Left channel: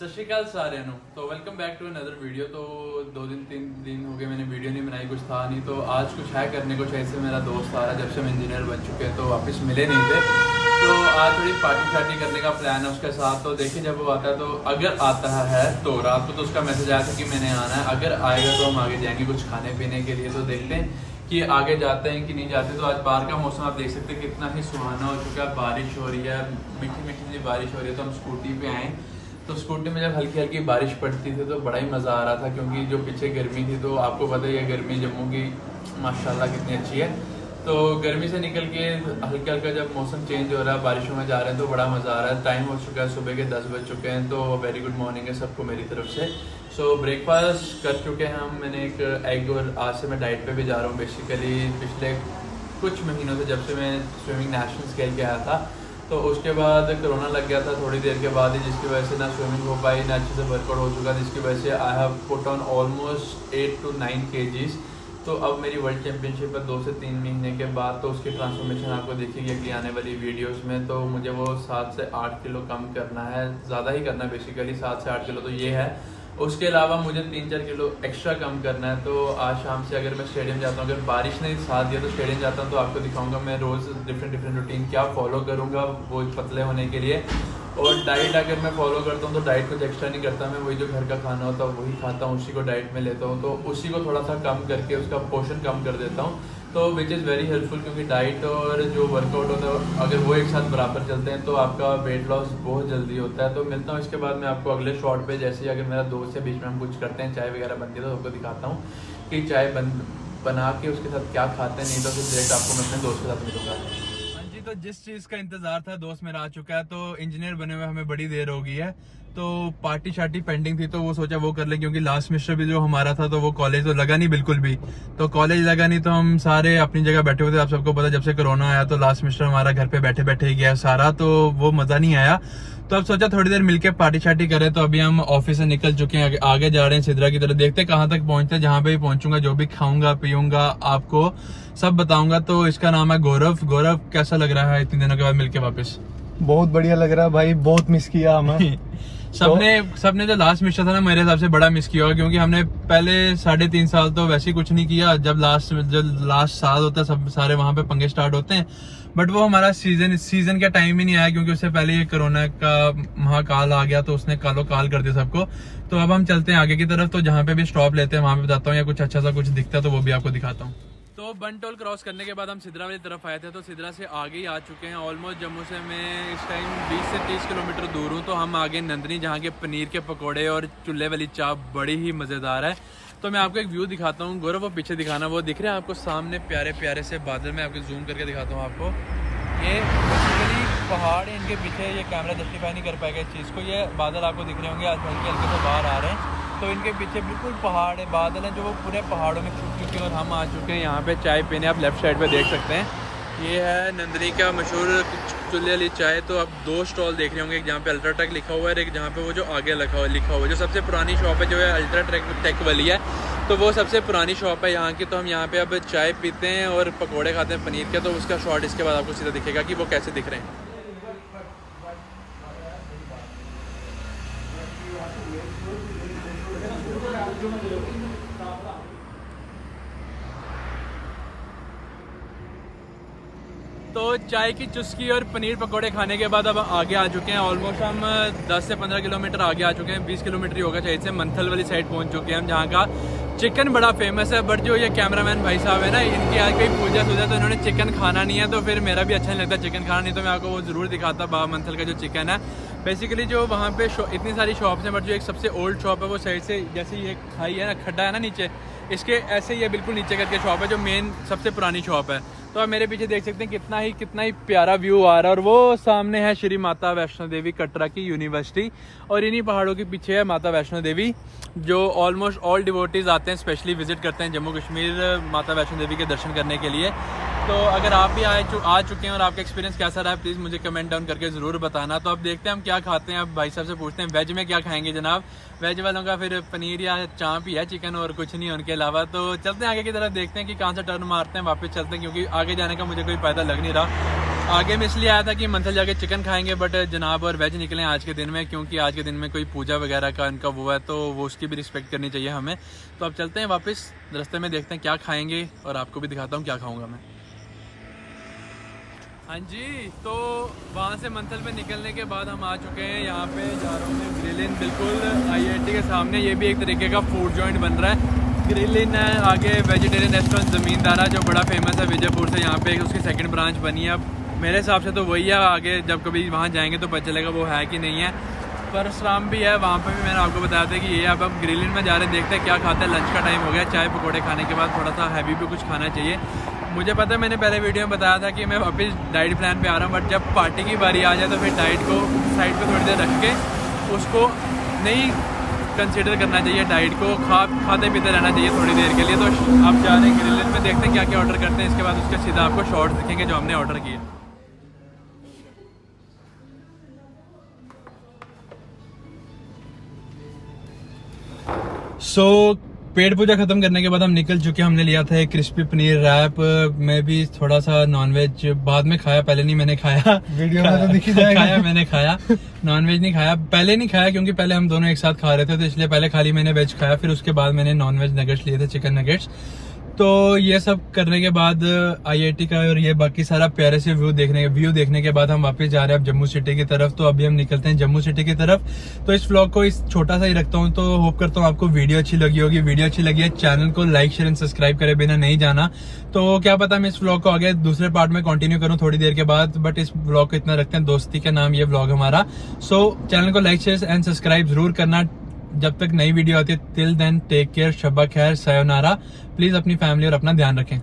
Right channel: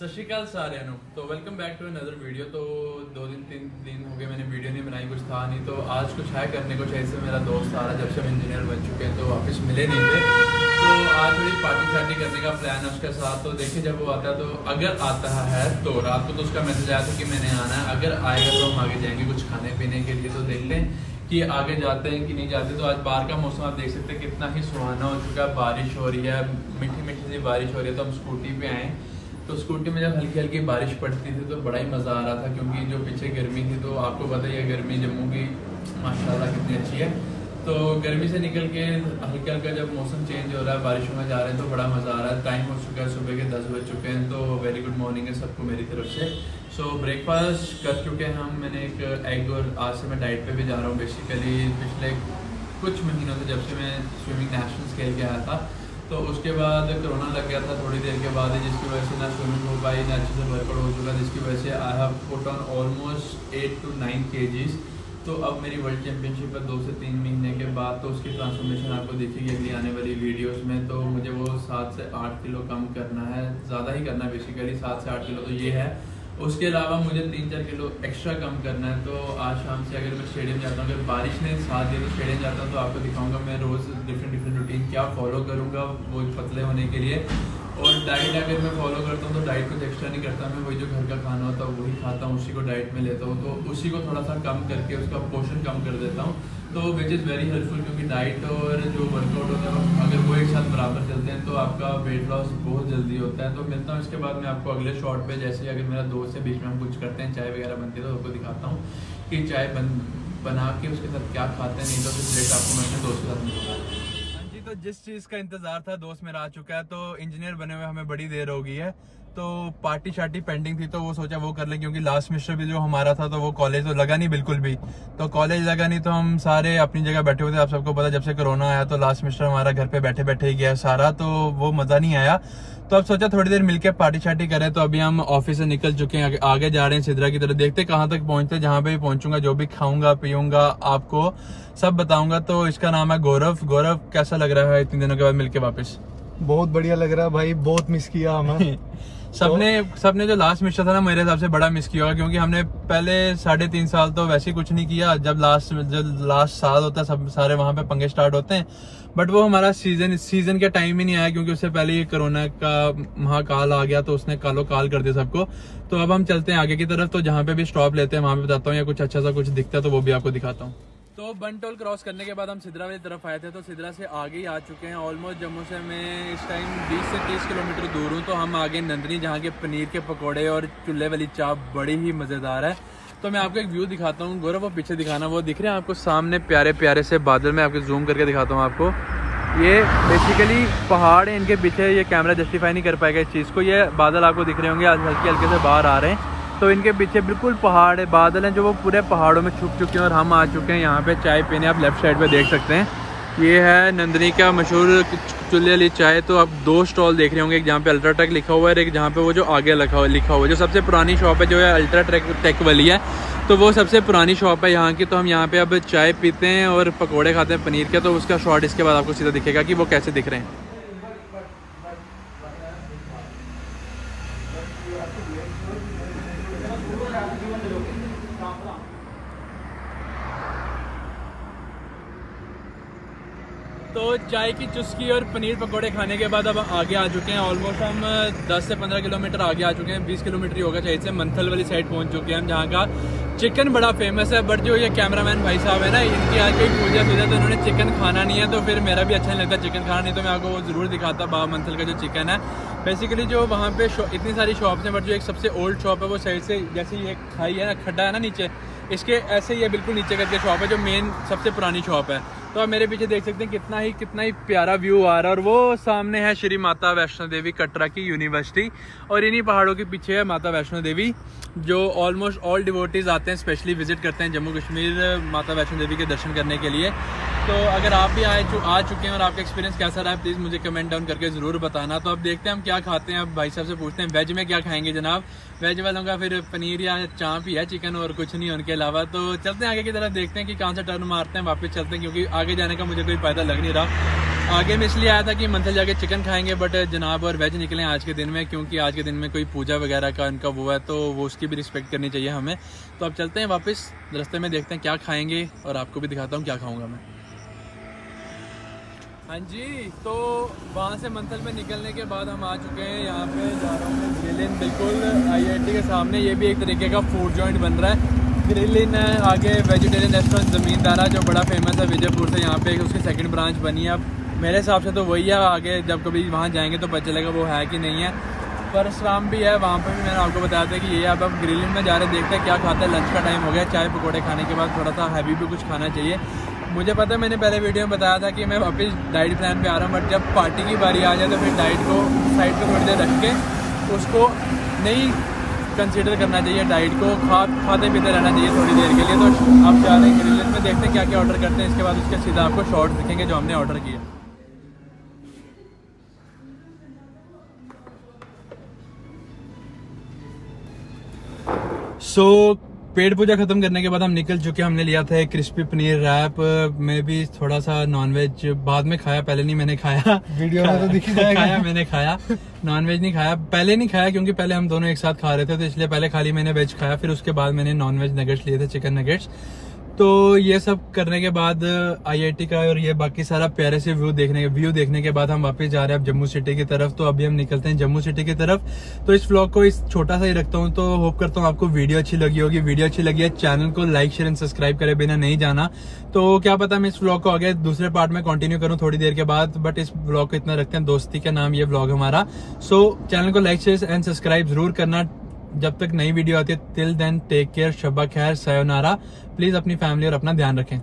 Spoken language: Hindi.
सत श्री अकाल सारिਆਂ ਨੂੰ। तो welcome back to another video. तो 2-3 दिन हो गए मैंने वीडियो नहीं बनाई, कुछ था नहीं, तो आज कुछ है करने को। ऐसे मेरा दोस्त आ रहा, जब से हम इंजीनियर बन चुके हैं तो वापस मिले नहीं थे, तो आज थोड़ी पार्टी शार्टी करने का प्लान है उसके साथ। तो देखिए जब वो आता है, तो अगर आता है तो रात को तो उसका मैसेज आया था कि मैंने आना है, अगर आएगा तो हम आगे जाएंगे कुछ खाने पीने के लिए। तो देखते हैं कि आगे जाते हैं कि नहीं जाते। तो आज बाहर का मौसम आप देख सकते हैं कितना ही सुहाना हो चुका है, बारिश हो रही है, मीठी मीठी सी बारिश हो रही है। तो हम स्कूटी पे आए, तो स्कूटी में जब हल्की हल्की बारिश पड़ती थी तो बड़ा ही मज़ा आ रहा था, क्योंकि जो पीछे गर्मी थी, तो आपको पता ही है गर्मी जम्मू की माशाल्लाह कितनी अच्छी है। तो गर्मी से निकल के हल्का हल्का जब मौसम चेंज हो रहा है, बारिशों में जा रहे हैं, तो बड़ा मज़ा आ रहा है। टाइम हो चुका है, सुबह के 10 बज चुके हैं। तो वेरी गुड मॉर्निंग है सबको मेरी तरफ से। सो ब्रेकफास्ट कर चुके हैं हम। मैंने एक एग, और आज से मैं डाइट पे भी जा रहा हूँ। बेसिकली पिछले कुछ महीनों से, जब से मैं स्विमिंग नेशनल्स खेल के आया था, तो उसके बाद कोरोना लग गया था थोड़ी देर के बाद ही, जिसकी वजह से ना स्विमिंग हो पाई, ना अच्छे से वर्कआउट हो चुका, जिसकी वजह से I have put on almost 8 to 9 kgs। तो अब मेरी वर्ल्ड चैम्पियनशिप है 2 से 3 महीने के बाद, तो उसकी ट्रांसफॉर्मेशन आपको दिखेगी अगली आने वाली वीडियोस में। तो मुझे वो 7 से 8 किलो कम करना है, ज़्यादा ही करना है बेसिकली, 7 से 8 किलो तो ये है। उसके अलावा मुझे 3-4 किलो एक्स्ट्रा कम करना है। तो आज शाम से अगर मैं स्टेडियम जाता हूँ, अगर बारिश ने साथ दिया तो स्टेडियम जाता हूँ, तो आपको दिखाऊंगा मैं रोज़ डिफरेंट रूटीन क्या फॉलो करूँगा वो पतले होने के लिए। और डाइट अगर मैं फॉलो करता हूँ तो डाइट कुछ एक्स्ट्रा नहीं करता, मैं वही जो घर का खाना होता है वही खाता हूँ, उसी को डाइट में लेता हूँ। तो उसी को थोड़ा सा कम करके उसका पोर्शन कम कर देता हूँ, तो विच इज़ वेरी हेल्पफुल, क्योंकि डाइट और जो वर्कआउट होता है अगर वो एक साथ बराबर चलते हैं तो आपका वेट लॉस बहुत जल्दी होता है। तो मिलता हूँ इसके बाद मैं आपको अगले शॉट पे, जैसे अगर मेरा दोस्त है बीच में हम कुछ करते हैं, चाय वगैरह बनती है, तो आपको दिखाता हूँ कि चाय बना के उसके साथ क्या खाते हैं। नहीं तो फिर डायरेक्ट आपको मैं अपने दोस्त के साथ मिलूंगा। हाँ जी, तो जिस चीज़ का इंतजार था दोस्त मेरा आ चुका है। तो इंजीनियर बने हुए हमें बड़ी देर हो गई है, तो पार्टी शार्टी पेंडिंग थी, तो वो सोचा वो कर ले, क्योंकि लास्ट सेमेस्टर भी जो हमारा था तो वो कॉलेज तो लगा नहीं बिल्कुल भी। तो कॉलेज लगा नहीं तो हम सारे अपनी जगह बैठे हुए थे। आप सबको पता, जब से कोरोना आया तो लास्ट सेमेस्टर हमारा घर पे बैठे बैठे ही गया सारा, तो वो मजा नहीं आया। तो अब सोचा थोड़ी देर मिलकर पार्टी शार्टी करें। तो अभी हम ऑफिस से निकल चुके हैं, आगे जा रहे हैं सिद्रा की तरफ। देखते कहाँ तक पहुंचते हैं, जहाँ पे भी पहुंचूंगा, जो भी खाऊंगा पीऊंगा आपको सब बताऊंगा। तो इसका नाम है गौरव। गौरव, कैसा लग रहा है इतने दिनों के बाद मिलके वापस? बहुत बढ़िया लग रहा है भाई, बहुत मिस किया हमें। सबने जो लास्ट मिशन था ना, मेरे हिसाब से बड़ा मिस किया होगा, क्योंकि हमने पहले 3.5 साल तो वैसे ही कुछ नहीं किया। जब लास्ट साल होता है सब सारे वहां पे पंगे स्टार्ट होते हैं, बट वो हमारा सीजन का टाइम ही नहीं आया, क्योंकि उससे पहले ये कोरोना का महाकाल आ गया, तो उसने कालो काल कर दिया सबको। तो अब हम चलते हैं आगे की तरफ, तो जहाँ पे भी स्टॉप लेते हैं वहां पे बताता हूँ, या कुछ अच्छा सा कुछ दिखता है तो वो भी आपको दिखाता हूँ। तो बनटोल क्रॉस करने के बाद हम सिद्रा वाली तरफ आए थे, तो सिद्रा से आगे ही आ चुके हैं। ऑलमोस्ट जम्मू से मैं इस टाइम 20 से 30 किलोमीटर दूर हूँ। तो हम आगे नंदनी, जहाँ के पनीर के पकोड़े और चूल्हे वाली चाप बड़ी ही मज़ेदार है। तो मैं आपको एक व्यू दिखाता हूँ। गौरव, वो पीछे दिखाना, वो दिख रहे हैं आपको सामने प्यारे प्यारे से बादल। में आपको जूम करके दिखाता हूँ आपको। ये बेसिकली पहाड़ है, इनके पीछे ये कैमरा जस्टिफाई नहीं कर पाएगा इस चीज़ को। ये बादल आपको दिख रहे होंगे, आज हल्के हल्के से बाहर आ रहे हैं, तो इनके पीछे बिल्कुल पहाड़ है, बादल हैं जो वो पूरे पहाड़ों में छुप चुके हैं। और हम आ चुके हैं यहाँ पे चाय पीने। आप लेफ्ट साइड पे देख सकते हैं, ये है नंदनी का मशहूर चूल्हे वाली चाय। तो आप 2 स्टॉल देख रहे होंगे, एक जहाँ पे अल्ट्राटेक लिखा हुआ है, एक जहाँ पे वो जो आगे लिखा हुआ है। जो सबसे पुरानी शॉप है जो है अल्ट्राटेक वाली है, तो वो सबसे पुरानी शॉप है यहाँ की। तो हम यहाँ पे अब चाय पीते हैं और पकौड़े खाते हैं पनीर के। तो उसका शॉट इसके बाद आपको सीधा दिखेगा कि वो कैसे दिख रहे हैं। तो चाय की चुस्की और पनीर पकोड़े खाने के बाद अब आगे आ चुके हैं। ऑलमोस्ट हम 10 से 15 किलोमीटर आगे आ चुके हैं, 20 किलोमीटर ही होगा शायद से। मंथल वाली साइड पहुंच चुके हैं हम, जहाँ का चिकन बड़ा फेमस है। बट जो ये कैमरामैन भाई साहब है ना, इनकी आज कोई पूजा सूजा, तो उन्होंने चिकन खाना नहीं है, तो फिर मेरा भी अच्छा नहीं लगता चिकन खाना। नहीं तो मैं आपको वो जरूर दिखाता बाबा मंथल का जो चिकन है। बेसिकली जो वहाँ पे इतनी सारी शॉप्स हैं, बट जो एक सबसे ओल्ड शॉप है वो साइड से, जैसे ये खाई है ना, खड्डा है ना नीचे, इसके ऐसे ही है बिल्कुल नीचे करके शॉप है, जो मेन सबसे पुरानी शॉप है। तो आप मेरे पीछे देख सकते हैं कितना ही प्यारा व्यू आ रहा है। और वो सामने है श्री माता वैष्णो देवी कटरा की यूनिवर्सिटी, और इन्हीं पहाड़ों के पीछे है माता वैष्णो देवी, जो ऑलमोस्ट ऑल डिवोटीज आते हैं, स्पेशली विजिट करते हैं जम्मू कश्मीर माता वैष्णो देवी के दर्शन करने के लिए। तो अगर आप भी आ चुके हैं और आपका एक्सपीरियंस कैसा रहा है, प्लीज़ मुझे कमेंट डाउन करके ज़रूर बताना। तो अब देखते हैं हम क्या खाते हैं। अब भाई साहब से पूछते हैं वेज में क्या खाएंगे जनाब। वेज वालों का फिर पनीर या चाप ही है, चिकन और कुछ नहीं उनके अलावा। तो चलते हैं आगे की तरफ, देखते हैं कि कहाँ से टर्न मारते हैं, वापस चलते हैं, क्योंकि आगे जाने का मुझे कोई फायदा लग नहीं रहा। आगे मैं इसलिए आया था कि मंथल जाके चिकन खाएंगे, बट जनाब और वेज निकले आज के दिन में, क्योंकि आज के दिन में कोई पूजा वगैरह का इनका वो है, तो वो उसकी भी रिस्पेक्ट करनी चाहिए हमें। तो अब चलते हैं वापस, रास्ते में देखते हैं क्या खाएंगे और आपको भी दिखाता हूँ क्या खाऊंगा मैं। हाँ जी, तो वहाँ से मंथल में निकलने के बाद हम आ चुके हैं यहाँ पे, जा रहा हूँ मैं ग्रिल इन, बिल्कुल IIT के सामने। ये भी एक तरीके का फूड जॉइंट बन रहा है, ग्रिल इन है। आगे वेजिटेरियन रेस्टोरेंट ज़मींदारा जो बड़ा फेमस है विजयपुर से, यहाँ पे उसकी सेकंड ब्रांच बनी है। अब मेरे हिसाब से तो वही है, आगे जब कभी वहाँ जाएंगे तो पता चलेगा वो है कि नहीं है। परशुराम भी है वहाँ पे भी, मैंने आपको बताया था कि ये अब हम ग्रिल इन में जा रहे हैं, देखते हैं क्या खाते हैं। लंच का टाइम हो गया, चाय पकौड़े खाने के बाद थोड़ा सा हैवी भी कुछ खाना चाहिए। मुझे पता है, मैंने पहले वीडियो में बताया था कि मैं वापस डाइट प्लान पे आ रहा हूँ, बट जब पार्टी की बारी आ जाए तो फिर डाइट को साइड पे थोड़ी देर रख के उसको नहीं कंसीडर करना चाहिए, डाइट को खाते पीते रहना चाहिए थोड़ी देर के लिए। तो आप जा रहे हैं ग्रिल इन में, देखते हैं क्या क्या ऑर्डर करते हैं, इसके बाद उसके सीधा आपको शॉर्ट्स दिखेंगे जो हमने ऑर्डर किया। पेट पूजा खत्म करने के बाद हम निकल चुके हैं। हमने लिया था एक क्रिस्पी पनीर रैप, मैं भी थोड़ा सा नॉनवेज बाद में खाया, पहले नहीं मैंने खाया, वीडियो में तो दिख ही जाएगा। खाया मैंने खाया, नॉनवेज नहीं खाया, पहले नहीं खाया क्योंकि पहले हम दोनों एक साथ खा रहे थे, तो इसलिए पहले खाली मैंने वेज खाया, फिर उसके बाद मैंने नॉनवेज नगेट्स लिए थे, चिकन नगेट्स। तो ये सब करने के बाद IIT का और ये बाकी सारा प्यारे से व्यू देखने के बाद हम वापस जा रहे हैं अब जम्मू सिटी की तरफ। तो अभी हम निकलते हैं जम्मू सिटी की तरफ। तो इस व्लॉग को इस छोटा सा ही रखता हूँ, तो होप करता हूँ आपको वीडियो अच्छी लगी होगी। वीडियो अच्छी लगी है, चैनल को लाइक शेयर एंड सब्सक्राइब करे बिना नहीं जाना। तो क्या पता मैं इस व्लॉग को आगे दूसरे पार्ट में कंटिन्यू करूँ थोड़ी देर के बाद, बट इस व्लॉग को इतना रखते हैं, दोस्ती का नाम ये व्लॉग हमारा। सो चैनल को लाइक शेयर एंड सब्सक्राइब जरूर करना। जब तक नई वीडियो आती है, टिल देन टेक केयर, शब्बा खैर, सायोनारा। प्लीज अपनी फैमिली और अपना ध्यान रखें।